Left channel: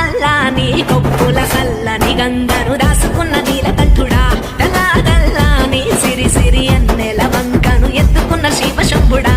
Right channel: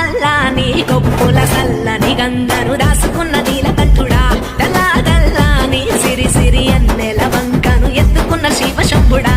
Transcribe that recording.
నల్లాని కొప్పుల సల్లని గంగను దాసుకున్న నీలకంఠుడా తెల్లాని సిరి సిరి అన్నెల వంకను ఎత్తుకున్న శివశంభుడా